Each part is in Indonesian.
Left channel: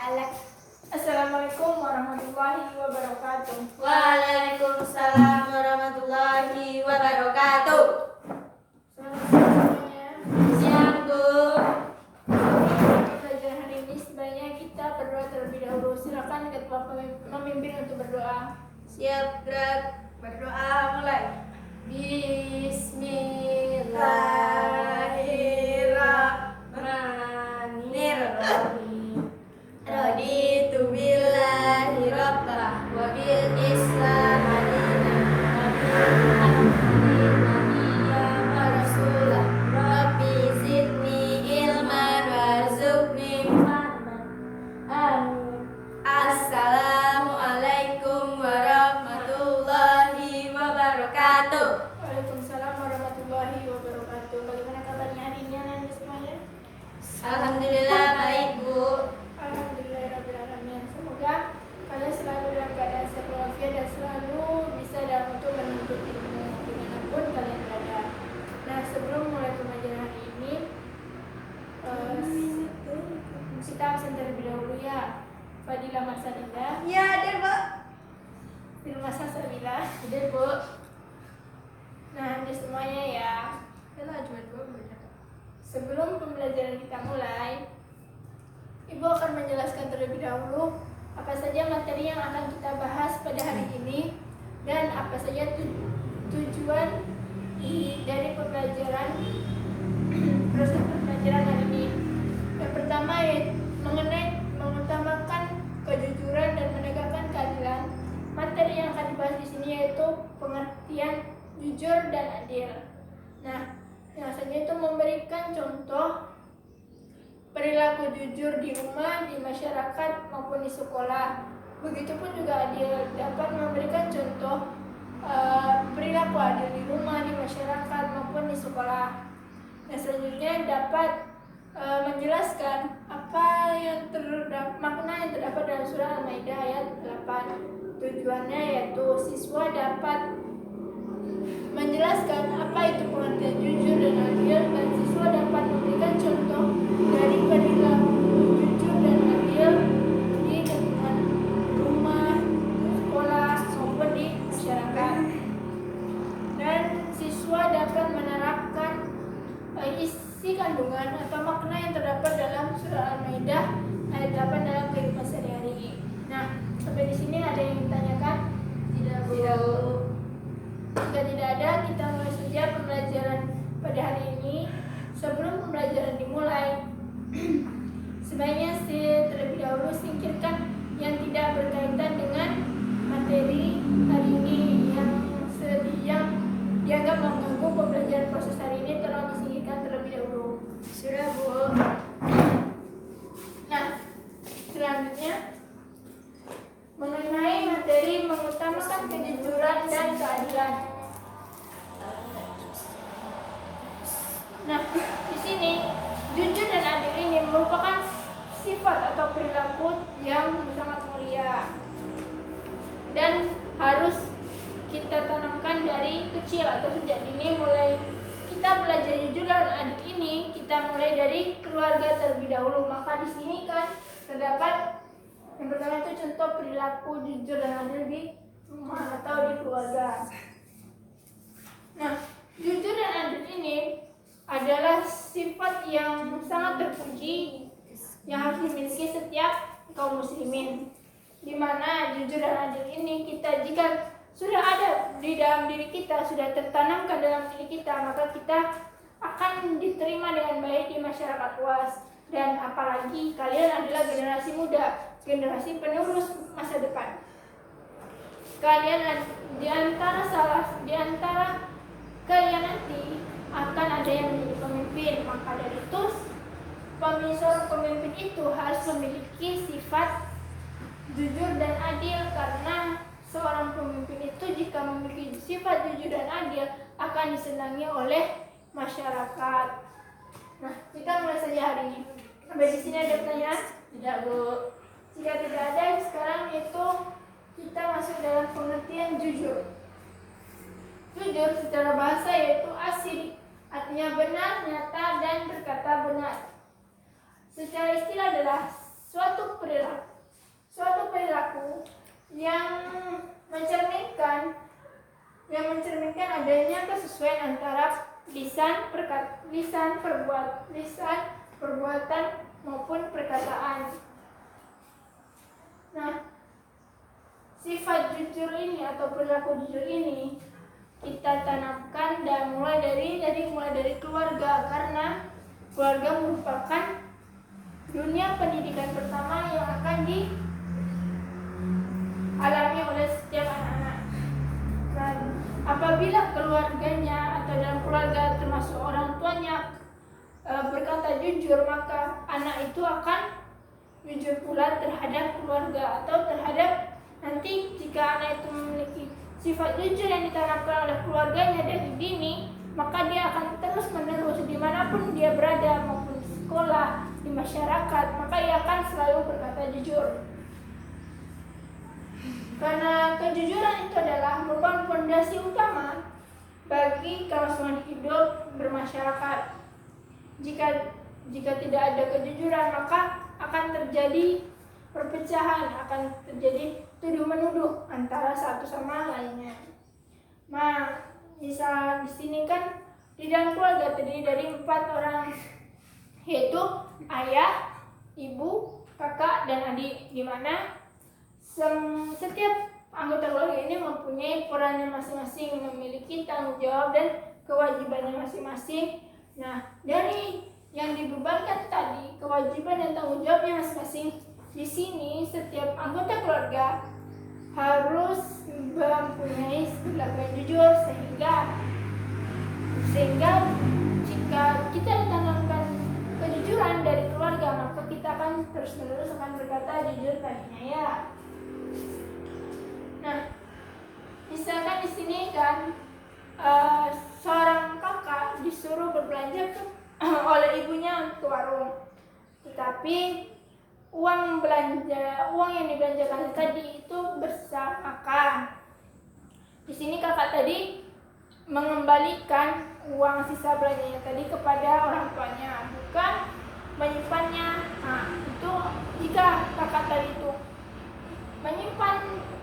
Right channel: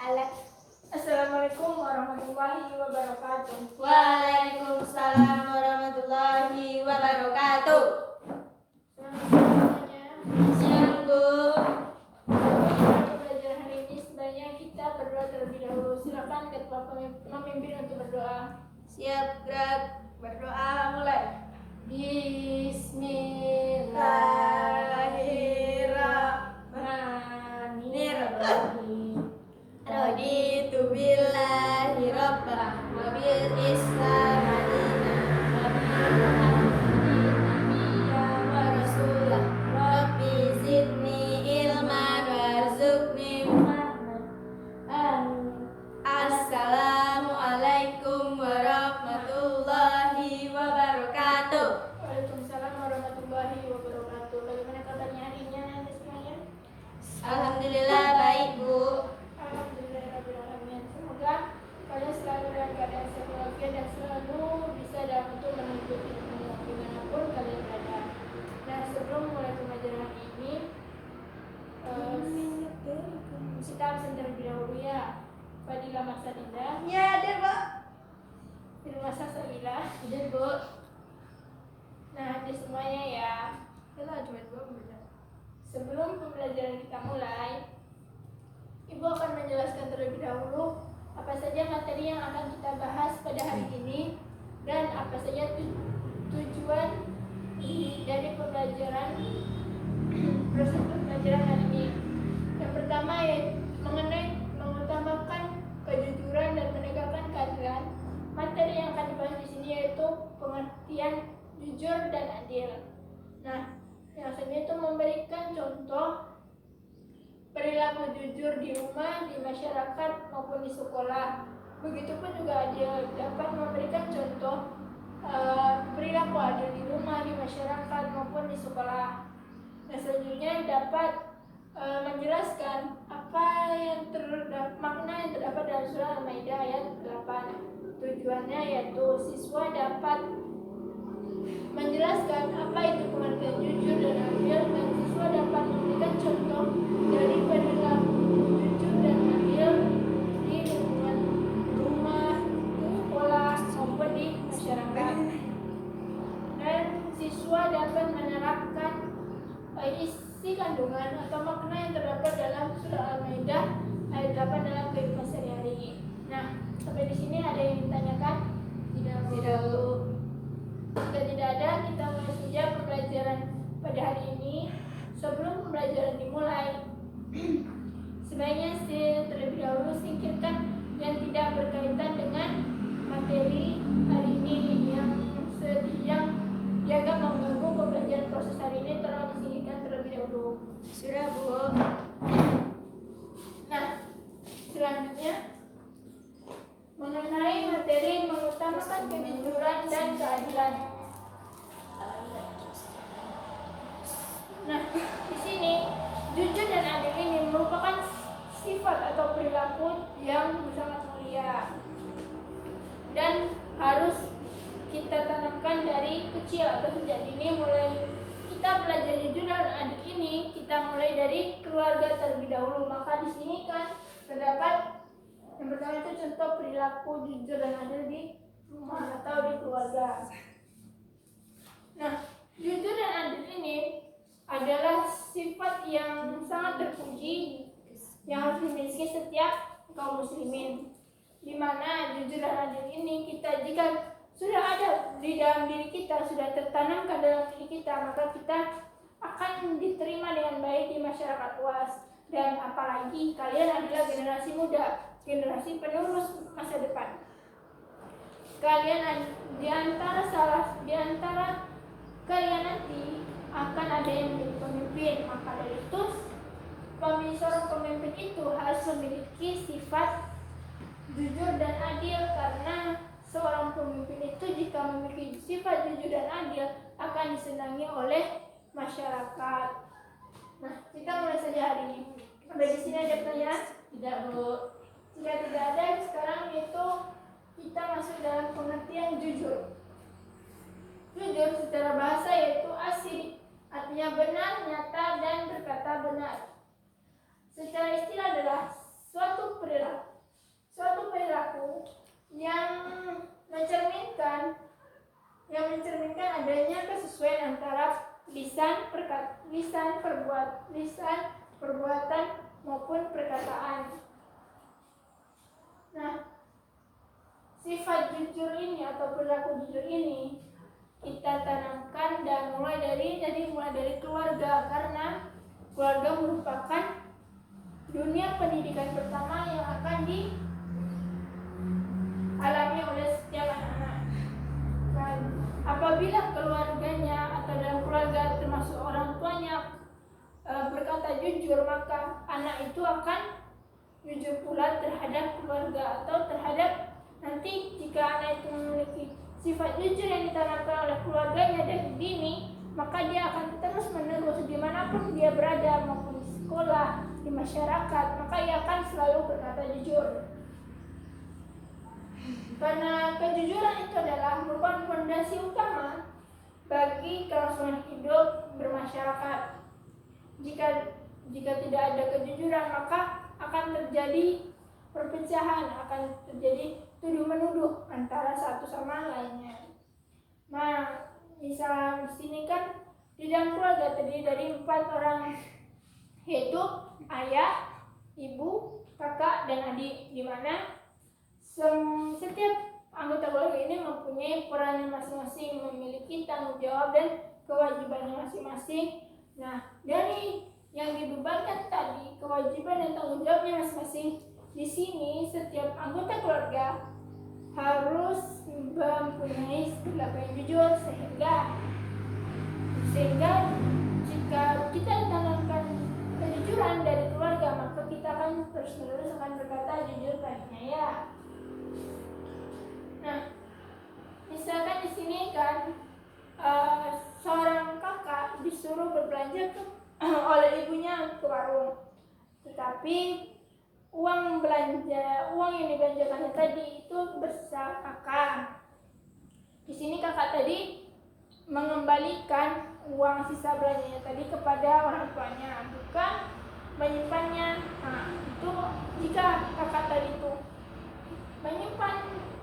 Alat. Assalamualaikum warahmatullahi wabarakatuh. Waalaikumsalam warahmatullahi wabarakatuh. Selamat siang semuanya. Siang Bu. Pelajaran hari ini sebaiknya kita berdoa terlebih dahulu. Silakan ketua memimpin untuk berdoa. Siap gerak. Berdoa mulai. Bismillahirrahmanirrahim. Raditu billahi rabbah wa bil islam dinan wa rasulah. Rabbi zidni ilman warzuqni fahman. Amin. Assalamualaikum warahmatullahi wabarakatuh. Waalaikumsalam warahmatullahi wabarakatuh. Bagaimana kabarnya hari ini anak-anak semuanya? Alhamdulillah baik Bu. Alhamdulillahirrahmanirrahim. Semoga kalian selalu dalam keadaan sehat walafiat dan selalu bisa dalam untuk menuntut ilmu dimanapun kalian berada. Nah, sebelum mulai pembelajaran hari ini, kita absen terlebih dahulu ya. Fadilah Marsalinda, Ya deh Bu. Firman Salsabila. Deh Bu. Nah, ini semuanya ya. Sebelum pembelajaran kita mulai, Ibu akan menjelaskan terlebih dahulu apa saja materi yang akan kita bahas pada hari ini dan apa saja tujuan dari pembelajaran proses pembelajaran hari ini. Yang pertama yaitu mengenai mengutamakan kejujuran dan menegakkan keadilan. Materi yang akan dibahas di sini yaitu pengertian jujur dan adil. Nah, yang selanjutnya itu memberikan contoh perilaku jujur di rumah, di masyarakat maupun di sekolah. Begitupun juga adil, dapat memberikan contoh perilaku adil di rumah, di masyarakat maupun di sekolah. Nah, selanjutnya dapat menjelaskan apa yang makna yang terdapat dalam surah Al-Maidah ayat 8. Tujuannya yaitu siswa dapat menjelaskan apa itu pengertian jujur dan adil, dan siswa dapat memberikan contoh dari perilaku jujur dan adil di lingkungan rumah, sekolah maupun di masyarakat. Dan siswa dapat menerapkan isi kandungan atau makna yang terdapat dalam surah Al-Maidah ayat 8 dalam kehidupan sehari-hari. Nah, sampai di sini ada yang ditanyakan? Tidak Bu. Jika tidak ada, kita mulai saja pembelajaran pada hari ini. Sebelum pembelajaran dimulai, sebaiknya terlebih dahulu singkirkan yang tidak berkaitan dengan materi hari ini yang dianggap mengganggu pembelajaran proses hari ini, tolong disingkirkan terlebih dahulu. Sudah Bu. Nah, selanjutnya mengenai materi mengutamakan kejujuran dan keadilan. Nah, di sini jujur dan adil ini merupakan sifat atau perilaku yang sangat mulia dan harus kita tanamkan dari kecil atau sejak dini. Mulai kita belajar jujur dan adil ini, kita mulai dari keluarga terlebih dahulu. Maka di sini kan terdapat yang pertama itu contoh perilaku jujur dan adil di rumah atau di keluarga. Nah, jujur dan adil ini adalah sifat yang sangat terpuji yang harus dimiliki setiap kaum muslimin. Di mana jujur dan adil ini jika sudah ada di dalam diri kita, sudah tertanamkan dalam diri kita, maka kita akan diterima dengan baik di masyarakat luas. Dan apalagi kalian adalah generasi muda, generasi penerus masa depan. Kalian di antara kalian nanti akan ada yang menjadi pemimpin. Maka dari itu seorang pemimpin itu harus memiliki sifat jujur dan adil, karena seorang pemimpin itu jika memiliki sifat jujur dan adil akan disenangi oleh masyarakat. Nah, kita mulai saja hari ini. Sampai di sini ada pertanyaan? Tidak Bu. Jika tidak ada, sekarang itu kita masuk dalam pengertian jujur. Jujur secara bahasa yaitu asli, artinya benar, nyata, dan berkata benar. Secara istilah adalah suatu perilaku yang mencerminkan adanya kesesuaian antara lisan, perbuatan maupun perkataan. Nah, sifat jujur ini atau perilaku jujur ini kita tanamkan dan mulai dari keluarga, karena keluarga merupakan dunia pendidikan pertama yang akan dialami oleh setiap anak-anak. Dan apabila keluarganya atau dalam keluarga termasuk orang tuanya berkata jujur, maka anak itu akan jujur pula terhadap keluarga atau terhadap nanti jika anak itu memiliki sifat jujur yang ditanamkan oleh keluarganya dari dini, maka dia akan terus menerus dimanapun dia berada, maupun di sekolah, di masyarakat, maka dia akan selalu berkata jujur. Karena kejujuran itu adalah merupakan fondasi utama bagi kelangsungan hidup bermasyarakat. Jika tidak ada kejujuran, maka akan terjadi perpecahan, akan terjadi tuduh menuduh antara satu sama lainnya. Nah, misal di sini kan di dalam keluarga terdiri dari 4 orang, yaitu ayah, ibu, kakak, dan adik, di mana setiap anggota keluarga ini mempunyai perannya masing-masing, memiliki tanggung jawab dan kewajibannya masing-masing. Nah, dari yang dibebankan tadi, kewajiban dan tanggung jawabnya masing-masing, di sini setiap anggota keluarga harus mempunyai perilaku yang jujur, sehingga jika kita ditanamkan kejujuran dari keluarga, maka kita akan terus-menerus akan berkata jujur tadinya ya. Nah, misalkan di sini kan seorang kakak disuruh berbelanja oleh ibunya ke warung, tetapi uang yang dibelanjakan tadi itu bersamakan. Di sini kakak tadi mengembalikan uang sisa belanjanya tadi kepada orang tuanya, bukan menyimpannya. Nah, itu jika kakak tadi itu menyimpan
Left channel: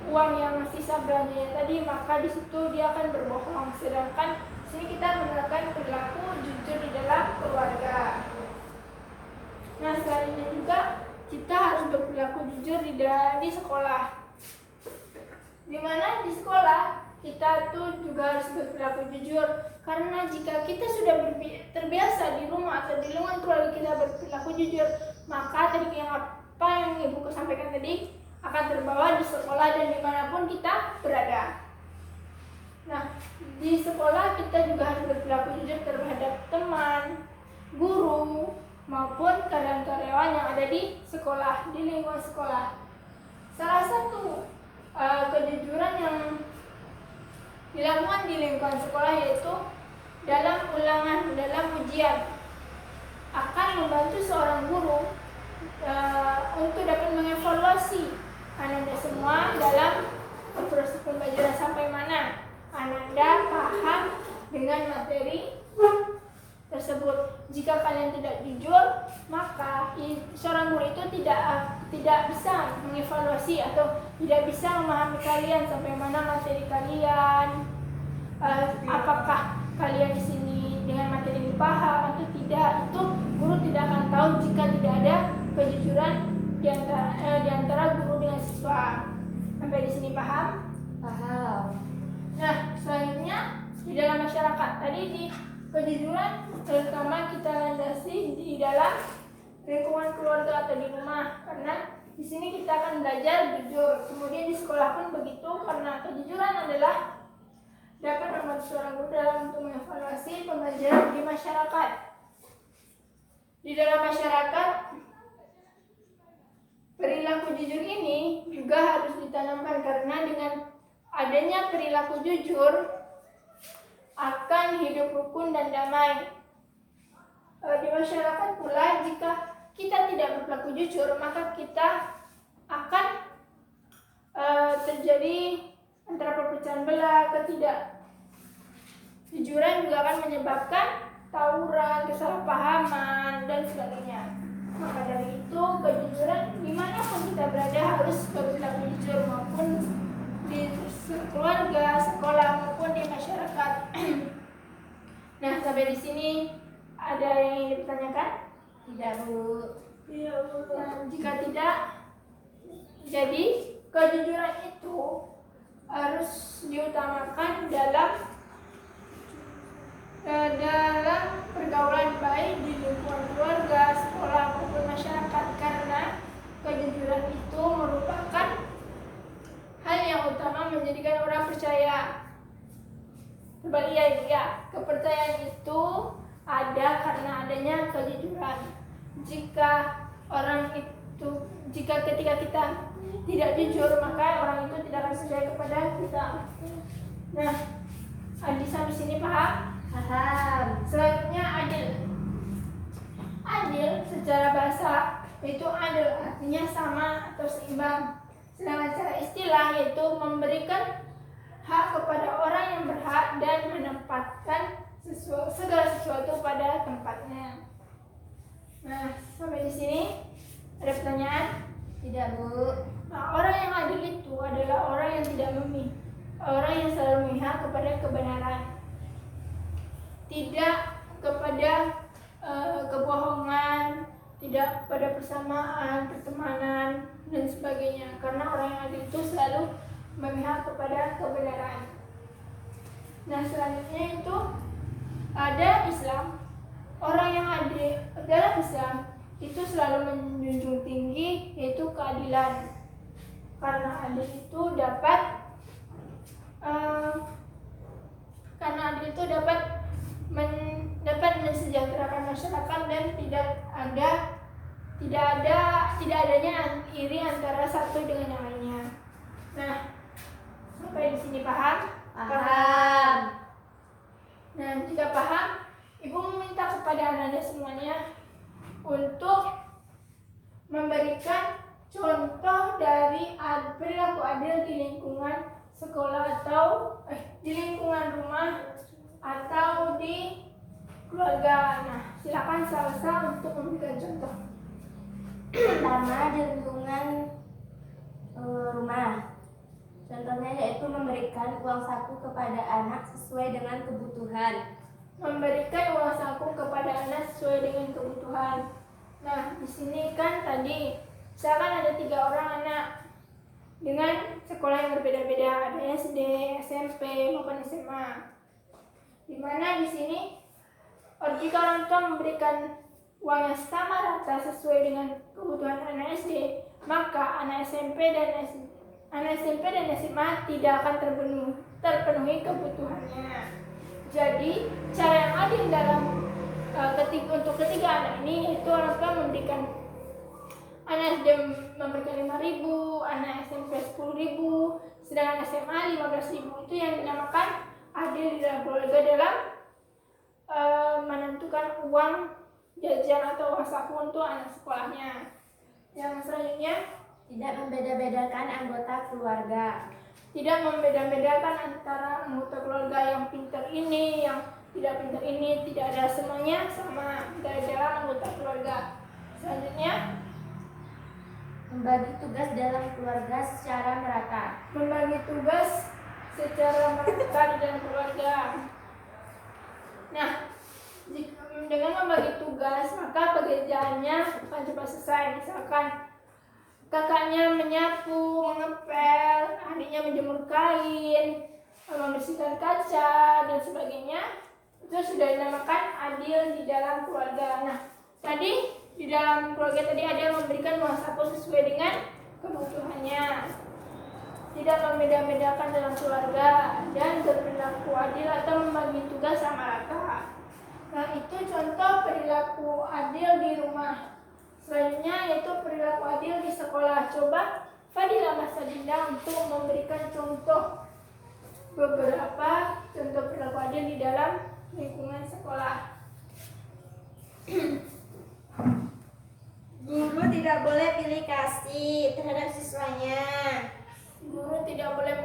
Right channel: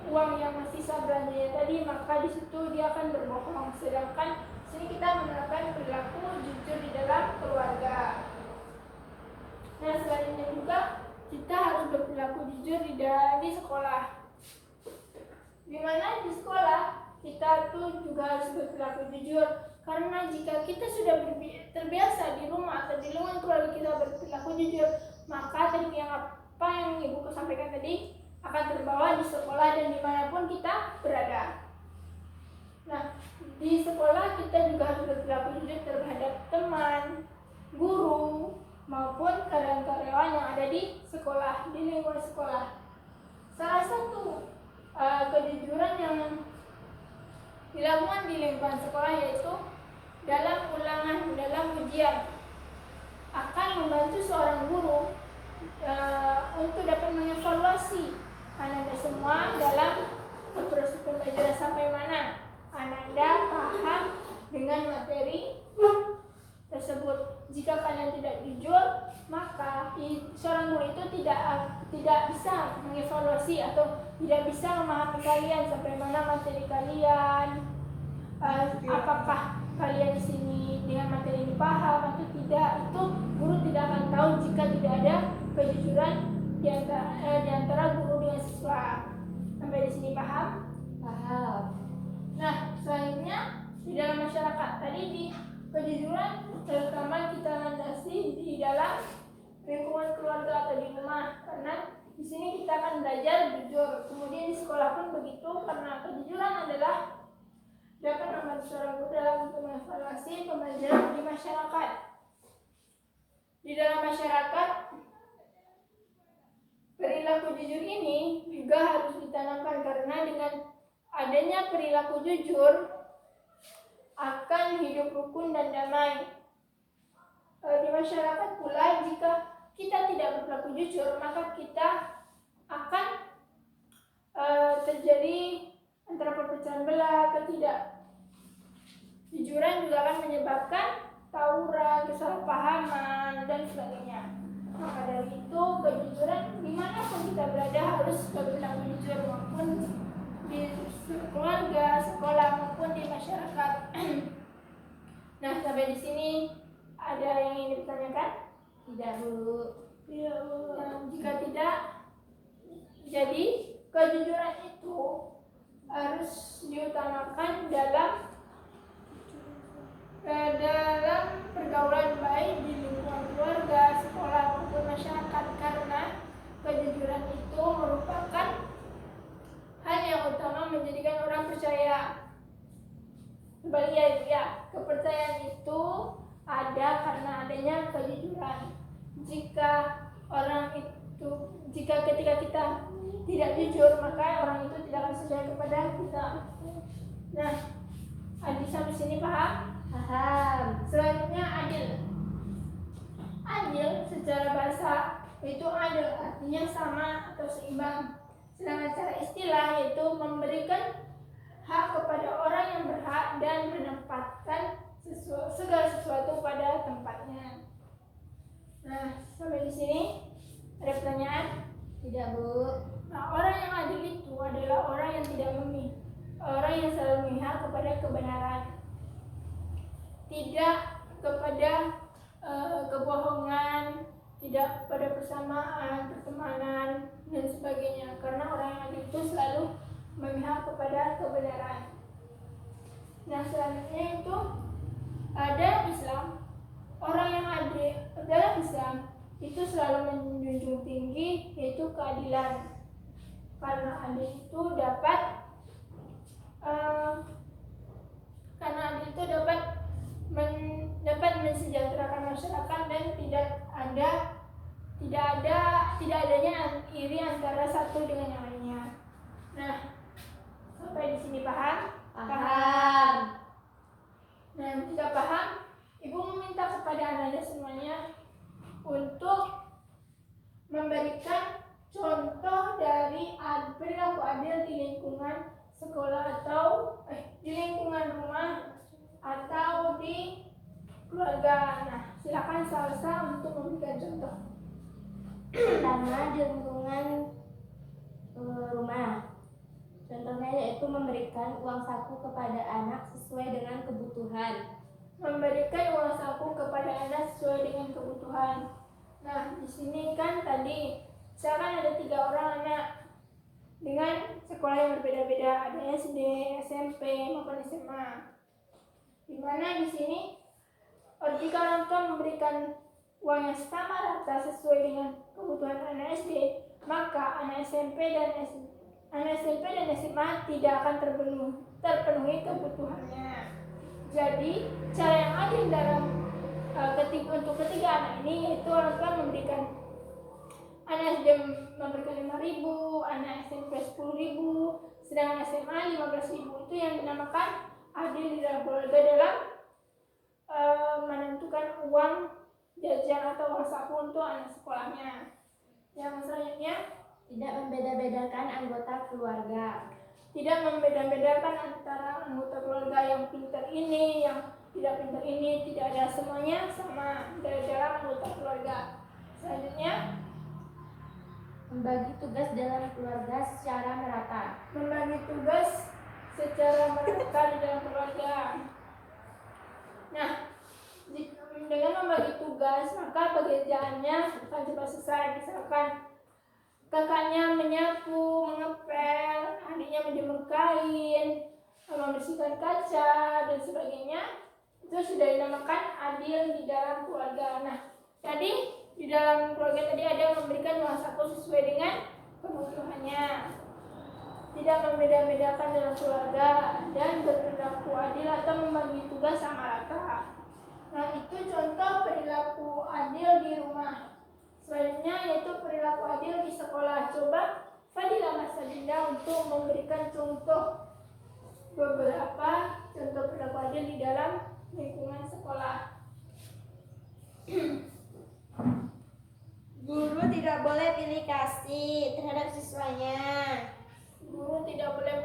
uang yang sisa belanjanya tadi, maka di situ dia akan berbohong. Sedangkan di sini kita menerapkan perilaku jujur di dalam keluarga. Nah, selanjutnya juga kita harus berperilaku jujur di sekolah. Dimana di sekolah kita tuh juga harus berperilaku jujur, karena jika kita sudah terbiasa di rumah atau di lingkungan keluarga kita berperilaku jujur, maka tadi apa yang ibuku sampaikan tadi akan terbawa di sekolah dan dimanapun kita berada. Nah, di sekolah kita juga harus berperilaku jujur terhadap teman, guru, maupun karyawan-karyawan yang ada di sekolah, di lingkungan sekolah. Salah satu kejujuran yang dilakukan di lingkungan sekolah yaitu dalam ujian akan membantu seorang guru untuk dapat mengevaluasi Ananda semua dalam proses pembelajaran sampai mana Ananda paham dengan materi tersebut. Jika kalian tidak jujur, maka seorang guru itu tidak bisa mengevaluasi atau tidak bisa memahami kalian sampai mana materi kalian, apakah kalian di sini dengan materi ini paham atau tidak. Itu guru tidak akan tahu jika tidak ada kejujuran di antara guru dengan siswa. Sampai di sini paham? Paham. Nah, selanjutnya di dalam masyarakat tadi di kejujuran terutama kita landasi di dalam lingkungan keluarga atau di rumah, karena di sini kita akan belajar jujur. Kemudian di sekolah pun begitu, karena kejujuran adalah dapat membantu seorang guru dalam untuk mengevaluasi pembelajaran di masyarakat. Di dalam masyarakat, perilaku jujur ini juga harus ditanamkan, karena dengan adanya perilaku jujur akan hidup rukun dan damai. Di masyarakat pula, jika kita tidak berperilaku jujur, maka kita akan terjadi antara perpecahan belah, ketidakjujuran juga akan menyebabkan tawuran, kesalahpahaman, dan sebagainya. Maka dari itu, kejujuran dimanapun kita berada harus berperilaku jujur, maupun di keluarga, sekolah, maupun di Nah, sampai di sini ada yang ingin dipertanyakan? Tidak, Bu. Iya, Bu. Nah, jika tidak, jadi kejujuran itu harus diutamakan dalam pergaulan baik di lingkungan keluarga, sekolah maupun masyarakat, karena kejujuran itu merupakan hal yang utama menjadikan orang percaya. Kembali ya, kepercayaan itu ada karena adanya kejujuran. Jika ketika kita tidak jujur, maka orang itu tidak akan percaya kepada kita. Nah, Adi sampai sini paham? Paham. Selanjutnya adil. Adil secara bahasa itu adil, artinya sama atau seimbang. Sedangkan secara istilah yaitu memberikan hak kepada orang yang berhak dan menempatkan segala sesuatu pada tempatnya. Nah, sampai di sini ada pertanyaan? Tidak, Bu. Nah, orang yang adil itu adalah orang yang tidak orang yang selalu memihak kepada kebenaran, tidak kepada kebohongan, tidak pada persamaan, pertemanan, dan sebagainya. Karena orang yang adil itu selalu memihak kepada kebenaran. Nah, selanjutnya itu ada Islam. Orang yang adil dalam Islam itu selalu menjunjung tinggi yaitu keadilan. Karena adil itu dapat mensejahterakan masyarakat dan tidak adanya iri antara satu dengan yang lainnya. Nah, sampai di sini paham? Paham. Nah, jika paham, Ibu meminta kepada anak-anak semuanya untuk memberikan contoh dari perilaku adil di lingkungan sekolah atau di lingkungan rumah atau di keluarga. Nah, silakan Salsa untuk memberikan contoh. Pertama, di lingkungan rumah. Contohnya yaitu memberikan uang saku kepada anak sesuai dengan kebutuhan. Memberikan uang saku kepada anak sesuai dengan kebutuhan. Nah, di sini kan tadi misalkan ada 3 orang anak dengan sekolah yang berbeda-beda, ada SD, SMP maupun SMA. Di mana di sini jika orang tua memberikan uang yang sama rata sesuai dengan kebutuhan anak SD, maka anak SMP dan SMA tidak akan terpenuhi kebutuhannya. Jadi cara yang adil dalam untuk ketiga anak ini yaitu orang tua memberikan anak SD memberikan 5.000, anak SMP 10.000, sedangkan SMA 15.000. Itu yang dinamakan adil di dalam keluarga dalam menentukan uang jajan atau uang saku untuk anak sekolahnya. Yang selanjutnya, tidak membeda-bedakan anggota keluarga. Tidak membeda-bedakan antara anggota keluarga yang pintar ini, yang tidak pintar ini, tidak ada, semuanya sama dalam anggota keluarga. Selanjutnya, membagi tugas dalam keluarga secara merata. Membagi tugas secara merata di dalam keluarga. Nah, dengan membagi tugas, maka pekerjaannya akan cepat selesai. Misalkan kakaknya menyapu, mengepel, adiknya menjemur kain, membersihkan kaca, dan sebagainya. Itu sudah dinamakan adil di dalam keluarga. Nah, tadi di dalam keluarga tadi ada yang memberikan uang saku sesuai dengan kebutuhannya. Tidak membeda-bedakan dalam keluarga dan berperilaku adil atau membagi tugas sama rata. Nah, itu contoh perilaku adil di rumah. Selanjutnya yaitu perilaku adil di sekolah. Coba Fadila Mas Adinda untuk memberikan beberapa contoh perilaku adil di dalam lingkungan sekolah. Guru tidak boleh pilih kasih terhadap siswanya. Guru tidak boleh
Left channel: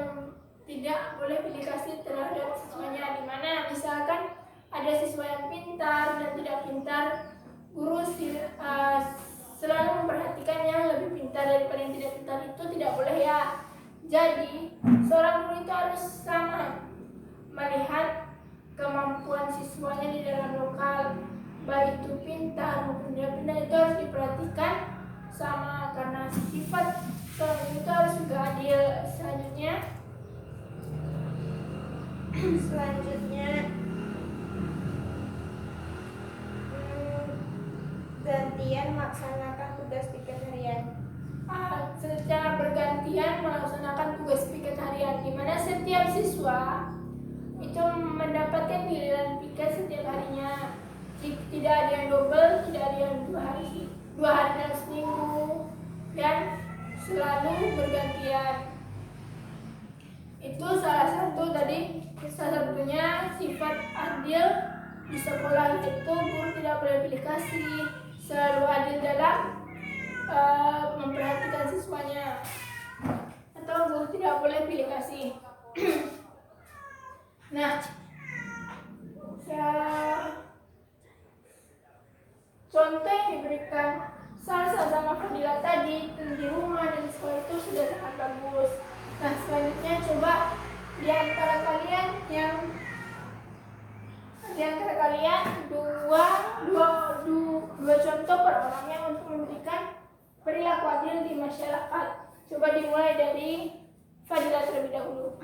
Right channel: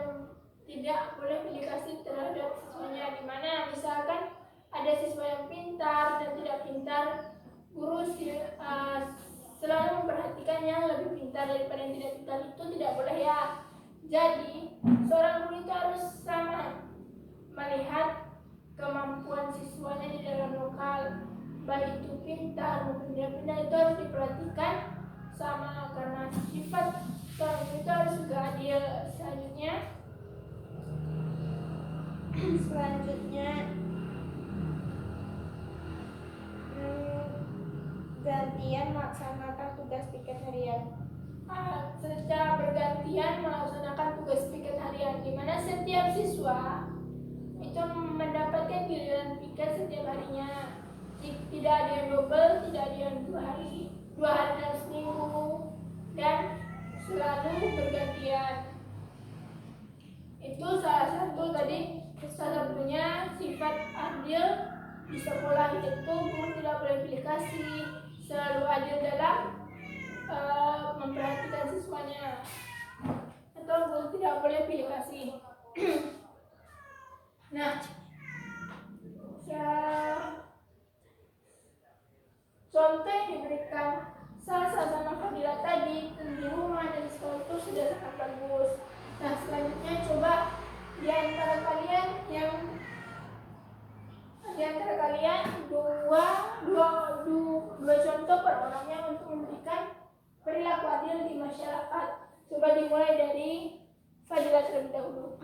pilih kasih terhadap siswanya. Di mana misalkan ada siswa yang pintar dan tidak pintar, guru selalu memperhatikan yang lebih pintar daripada yang tidak pintar. Itu tidak boleh ya. Jadi seorang guru itu harus sama melihat kemampuan siswanya di dalam lokal, baik itu pintar maupun tidak pintar, itu harus diperhatikan sama, karena sifat seorang itu harus juga adil. Selanjutnya gantian melaksanakan tugas piket harian. Secara bergantian melaksanakan tugas piket harian, di mana setiap siswa itu mendapatkan giliran piket setiap harinya. Tidak ada yang double, tidak ada yang dua hari dalam seminggu, dan selalu bergantian. Itu salah satunya sifat adil di sekolah, yaitu guru tidak boleh pilih kasih, selalu adil dalam memperhatikan siswanya, atau guru tidak boleh pilih kasih. Nah, contoh yang diberikan sama Fadila tadi di rumah dan di sekolah itu sudah sangat bagus. Nah, selanjutnya coba di antara kalian dua contoh per orangnya untuk memberikan perilaku adil di masyarakat. Coba dimulai dari Fadila terlebih dahulu.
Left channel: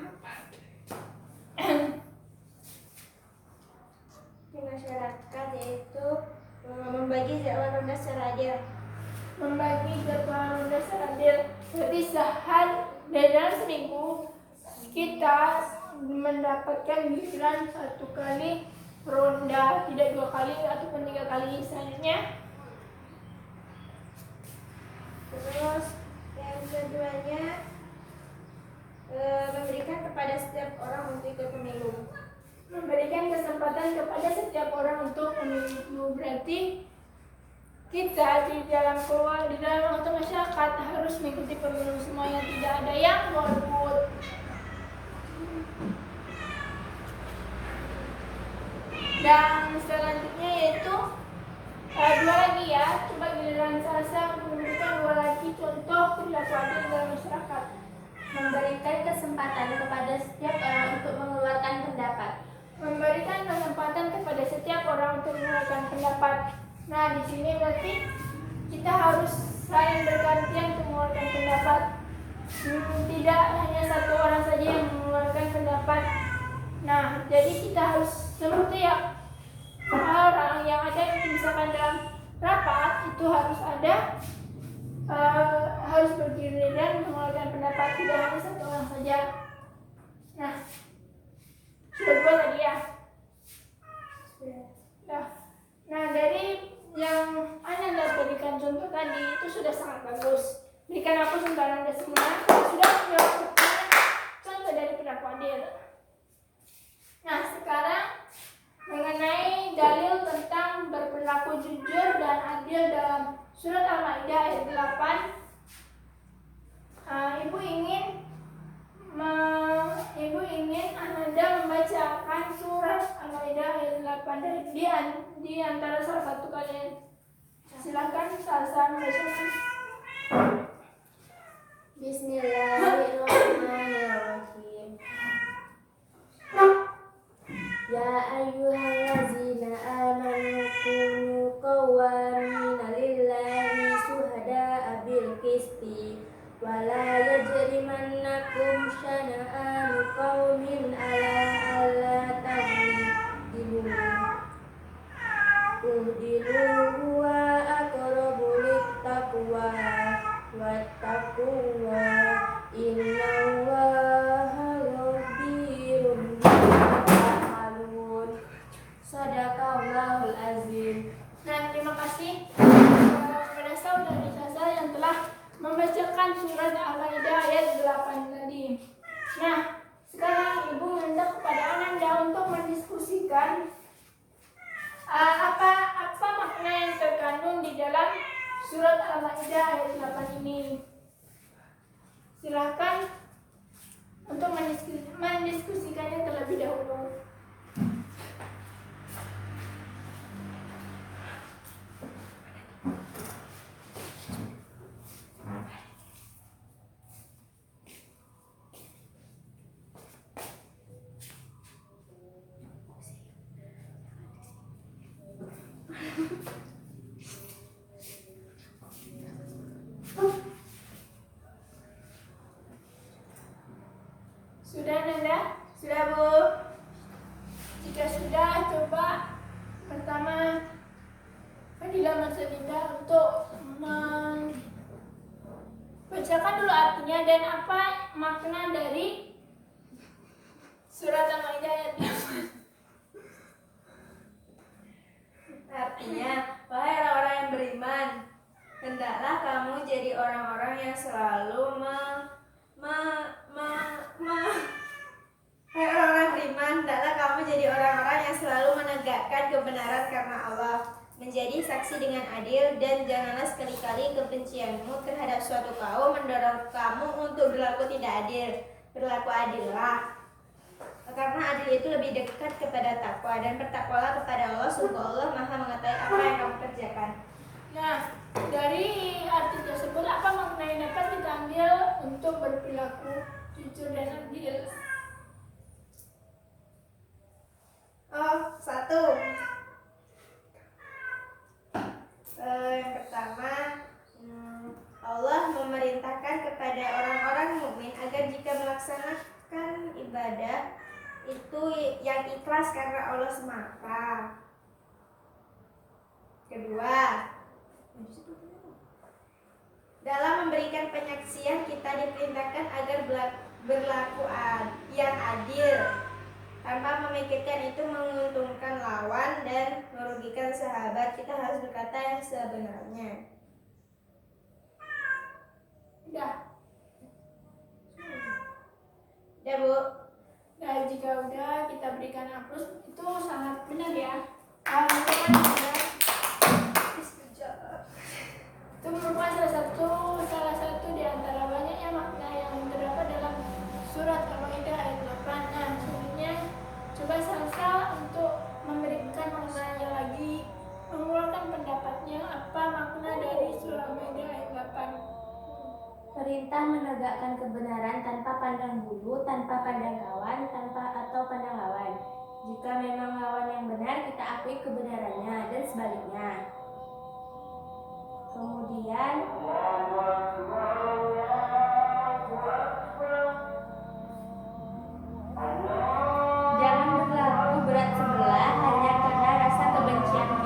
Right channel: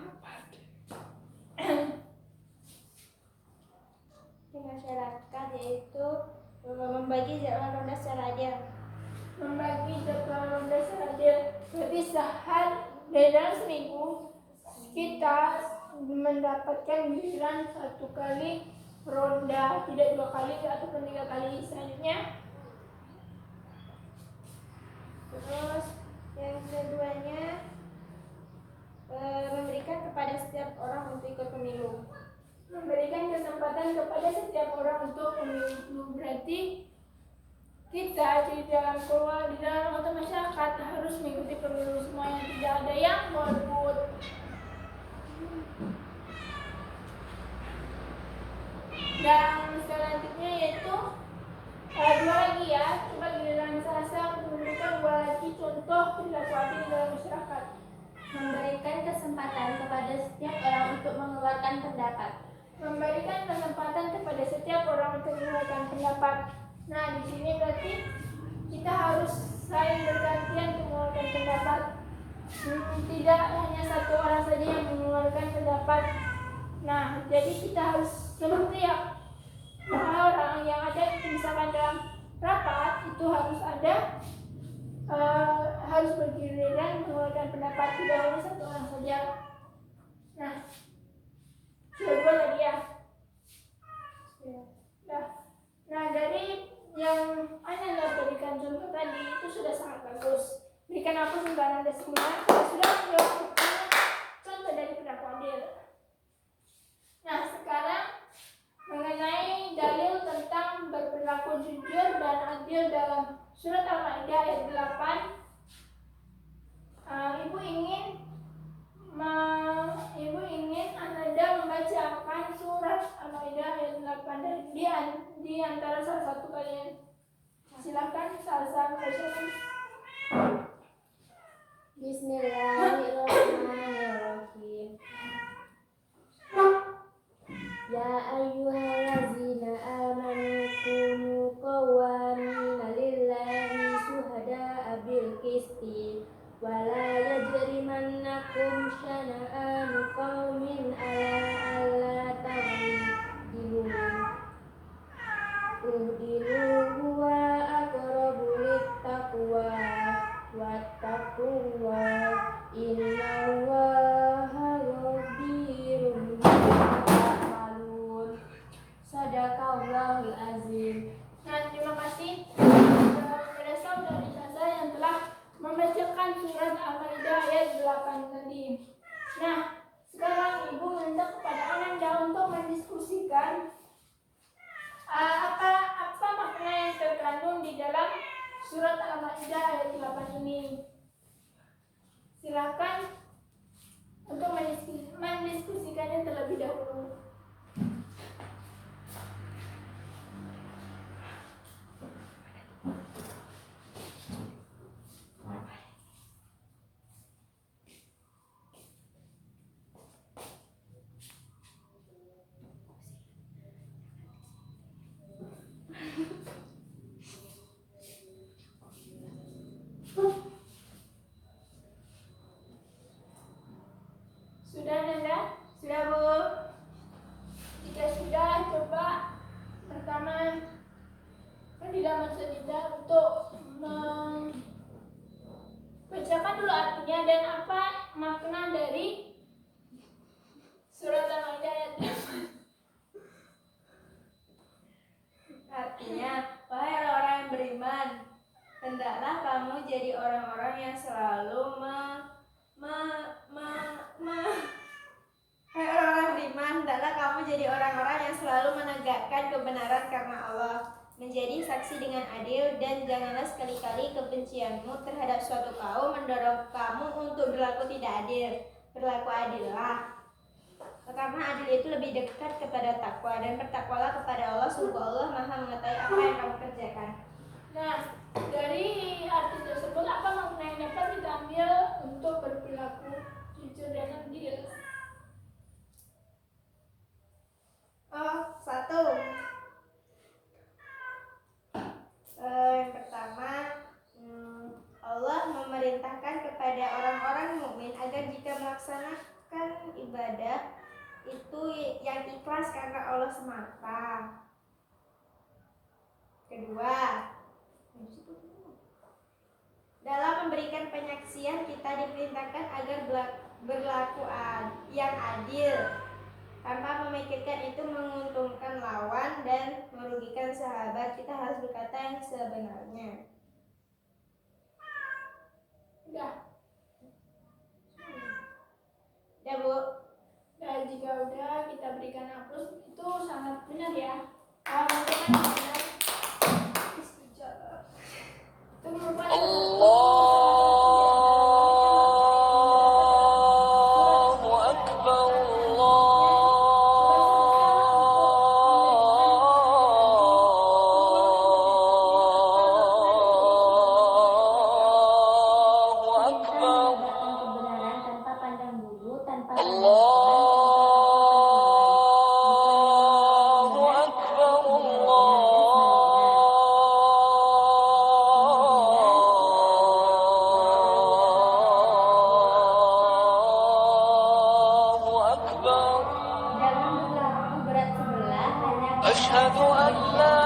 Di masyarakat yaitu membagi jadwal ronda secara adil. Membagi jadwal ronda secara adil berarti dari dalam seminggu kita mendapatkan giliran 1 kali ronda, tidak 2 kali ataupun 3 kali. Selanjutnya, terus yang keduanya memberikan kepada setiap orang untuk ikut pemilu. Memberikan kesempatan kepada setiap orang untuk pemilu, berarti kita di dalam anggota masyarakat harus mengikuti pemilu semuanya, tidak ada yang golput. Dan selanjutnya yaitu dua lagi ya, coba giliran Sasa memberikan 2 lagi contoh perilaku adil dalam masyarakat. Memberikan kesempatan kepada setiap orang untuk mengeluarkan pendapat. Memberikan kesempatan kepada setiap orang untuk mengeluarkan pendapat. Nah, di sini berarti kita harus saling bergantian untuk mengeluarkan pendapat. Tidak hanya 1 orang saja yang mengeluarkan pendapat. Nah, jadi kita harus setiap orang yang ada, misalkan dalam rapat itu harus ada harus bergiliran mengeluarkan pendapat, tidak hanya 1 orang saja. Nah, dua tadi ya. Nah, dari yang Anda berikan contoh tadi itu sudah sangat bagus. Berikan aku contoh Anda semua sudah menjawab contoh dari perilaku adil. Nah, sekarang mengenai dalil tentang berperilaku jujur dan adil dalam surat Al-Maidah ayat 8. Ibu ingin Anda membacakan surat Al-Maidah ayat 8 di antara salah satu kalian. Silakan Salsa membacakan. Bismillahirrahmanirrahim. Ya ayyuhallazina amanu kunu qawwamina lillahi syuhada'a bil qisti wa la yajrimannakum syana'anu qaumin ala alla ta'dilu huwa aqrabu littaqwa wattaqullah innallaha khabirun bima ta'malun. Shadaqallahul azim. Nah, terima kasih kepada saudari Sasa yang telah membacakan surat Al-Maidah ayat 8 tadi. Nah, sekarang Ibu minta kepada Ananda untuk mendiskusikan apa makna yang terkandung di dalam surat Al-Maidah ayat 8 ini. Silakan untuk mendiskusikannya terlebih dahulu. Sudah Nanda? Sudah, Bu. Jika sudah, coba pertama Fadila Masalida untuk bacakan dulu artinya dan apa makna dari surat Al-Maidah ayat 8. Artinya, wahai orang-orang yang beriman, hendaklah kamu jadi orang-orang yang selalu Hai orang-orang beriman, hendaklah kamu jadi orang-orang yang selalu menegakkan kebenaran karena Allah, menjadi saksi dengan adil, dan janganlah sekali-kali kebencianmu terhadap suatu kaum mendorong kamu untuk berlaku tidak adil. Berlaku adillah, karena adil itu lebih dekat kepada takwa, dan bertakwalah kepada Allah, sungguh Allah Maha mengetahui apa yang kamu kerjakan. Nah, dari arti tersebut apa makna yang dapat kita ambil untuk berperilaku jujur dan adil? Oh, satu. Yang pertama, Allah memerintahkan kepada orang-orang mukmin agar jika melaksanakan ibadah itu yang ikhlas karena Allah semata. Kedua, dalam memberikan penyaksian kita diperintahkan agar berlaku yang adil, tanpa memikirkan itu menguntungkan lawan dan merugikan sahabat. Kita harus berkata yang sebenarnya. Udah. Ya, Bu. Nah, jika udah kita berikan aplaus, itu sangat benar ya. Itu kan benar. Itu merupakan salah satu di antara banyaknya makna yang terdapat dalam surat Al-Maidah ayat 8. Artinya, coba sama-sama untuk memberikan pengulangan lagi pengulangan pendapatnya apa makna dari surat Al-Maidah ayat 8. Perintah menegakkan kebenaran tanpa pandang bulu, tanpa pandang lawan, tanpa akal pandang lawan. Jika memang lawan yang benar, kita akui kebenarannya, dan sebaliknya. Jangan berlaku berat sebelah hanya karena rasa kebencian kita.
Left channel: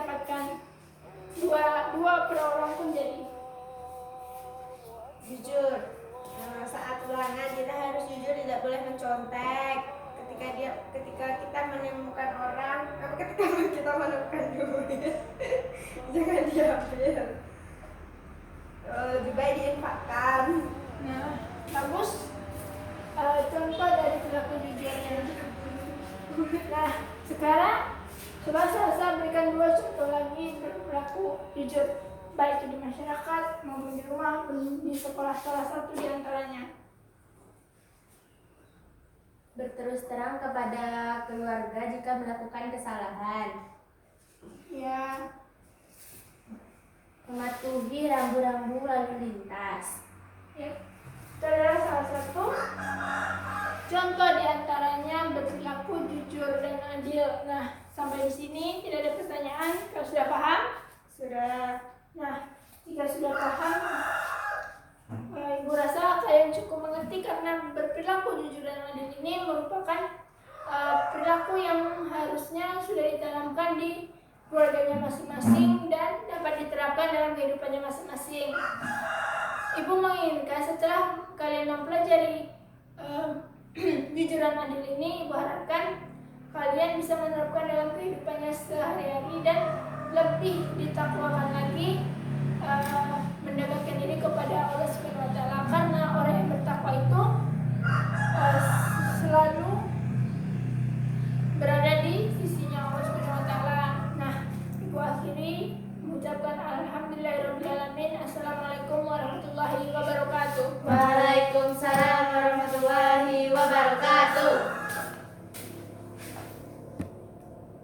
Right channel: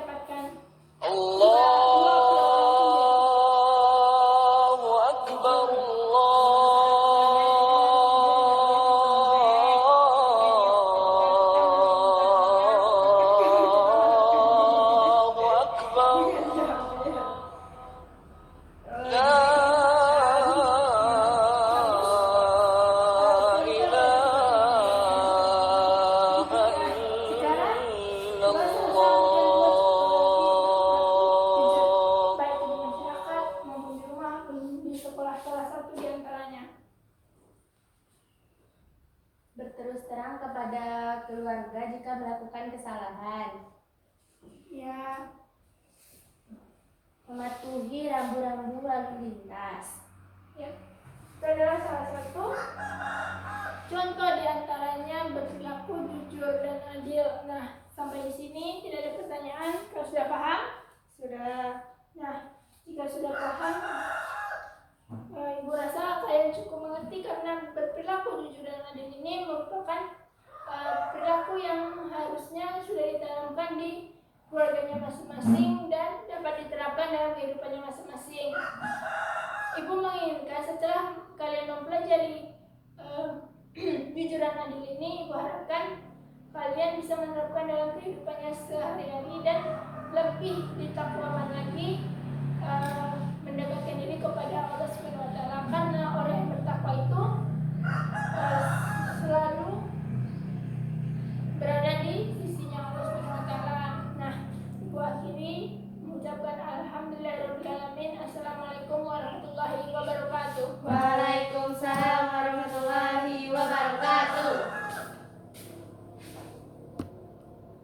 mendapatkan dua perorangan pun sekarang Tuhan selesai memberikan dua contoh lagi berlaku jujur, baik di masyarakat maupun di rumah maupun di sekolah, salah satu di antaranya. Berterus terang kepada keluarga jika melakukan kesalahan. Ya, Mematuhi rambu-rambu lalu lintas. ya, itu adalah salah satu contoh di antaranya berperilaku jujur dan adil. Nah, sampai di sini tidak ada pertanyaan. Kau sudah paham? Sudah. Nah, jika sudah paham, Ibu rasa kalian cukup mengerti karena berperilaku jujur dan adil ini merupakan perilaku yang harusnya sudah ditanamkan di keluarganya masing-masing dan dapat diterapkan dalam kehidupannya masing-masing. Ibu menginginkan setelah kalian mempelajari jujur dan adil ini, Ibu harapkan kalian bisa menerapkan dalam kehidupannya sehari-hari dan lebih ditakwakan lagi, mendekatkan diri kepada Allah Subhanahu wa Ta'ala, karena orang yang bertakwa itu selalu berada di sisinya Allah Subhanahu wa Ta'ala. Nah, Ibu akhiri mengucapkan alhamdulillahirabbil alamin. Assalamualaikum warahmatullahi wabarakatuh.